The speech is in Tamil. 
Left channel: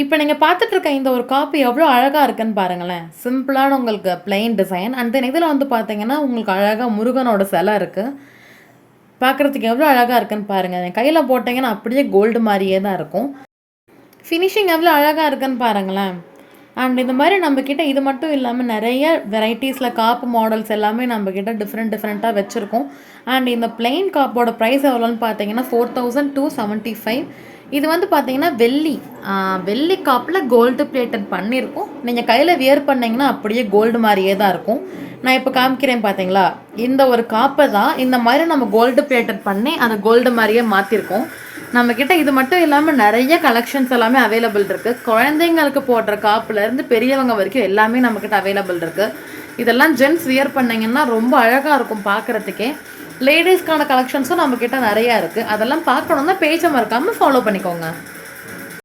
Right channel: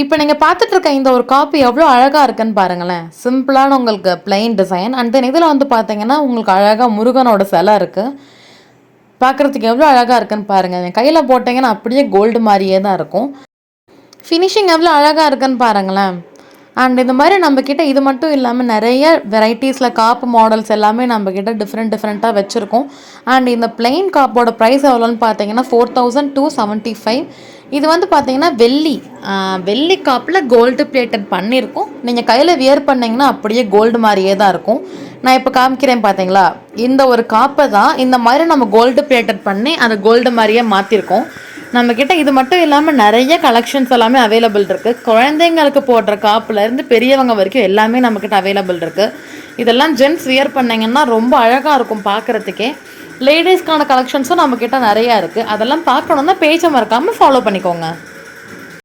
இப்போ நீங்கள் பார்த்துட்டு இருக்க இந்த ஒரு காப்பு எவ்வளோ அழகாக இருக்குன்னு பாருங்களேன். சிம்பிளான உங்களுக்கு பிளெயின் டிசைன். அண்ட் தென் இதில் வந்து பார்த்தீங்கன்னா உங்களுக்கு அழகாக முருகனோட சிலை இருக்குது. பார்க்குறதுக்கு எவ்வளோ அழகாக இருக்குன்னு பாருங்கள். என் கையில் போட்டிங்கன்னா அப்படியே கோல்டு மாதிரியே தான் இருக்கும். ஃபினிஷிங் எவ்வளோ அழகாக இருக்குன்னு பாருங்களேன். அண்ட் இந்த மாதிரி நம்மக்கிட்ட இது மட்டும் இல்லாமல் நிறைய வெரைட்டிஸில் காப்பு மாடல்ஸ் எல்லாமே நம்மக்கிட்ட டிஃப்ரெண்ட்டாக வச்சுருக்கோம். அண்ட் இந்த பிளெயின் காப்போட ப்ரைஸ் எவ்வளோன்னு பார்த்தீங்கன்னா 4275. இது வந்து பார்த்தீங்கன்னா வெள்ளி காப்பில் கோல்டு பிளேட்டட் பண்ணியிருக்கோம். நீங்கள் கையில் வியர் பண்ணிங்கன்னா அப்படியே கோல்டு மாதிரியே தான் இருக்கும். நான் இப்போ காமிக்கிறேன் பார்த்தீங்களா, இந்த ஒரு காப்பை தான் இந்த மாதிரி நம்ம கோல்டு பிளேட்டட் பண்ணி அந்த கோல்டு மாதிரியே மாற்றிருக்கோம். நம்மக்கிட்ட இது மட்டும் இல்லாமல் நிறைய கலெக்ஷன்ஸ் எல்லாமே அவைலபிள் இருக்குது. குழந்தைங்களுக்கு போடுற காப்புலேருந்து பெரியவங்க வரைக்கும் எல்லாமே நம்மக்கிட்ட அவைலபிள் இருக்குது. இதெல்லாம் ஜென்ட்ஸ் வியர் பண்ணிங்கன்னா ரொம்ப அழகாக இருக்கும் பார்க்குறதுக்கே. லேடிஸ்க்கான கலெக்ஷன்ஸும் நம்மக்கிட்ட நிறையா இருக்குது. அதெல்லாம் பார்க்கணுன்னா பேஜை மறக்காமல் ஃபாலோ பண்ணிக்கோங்க.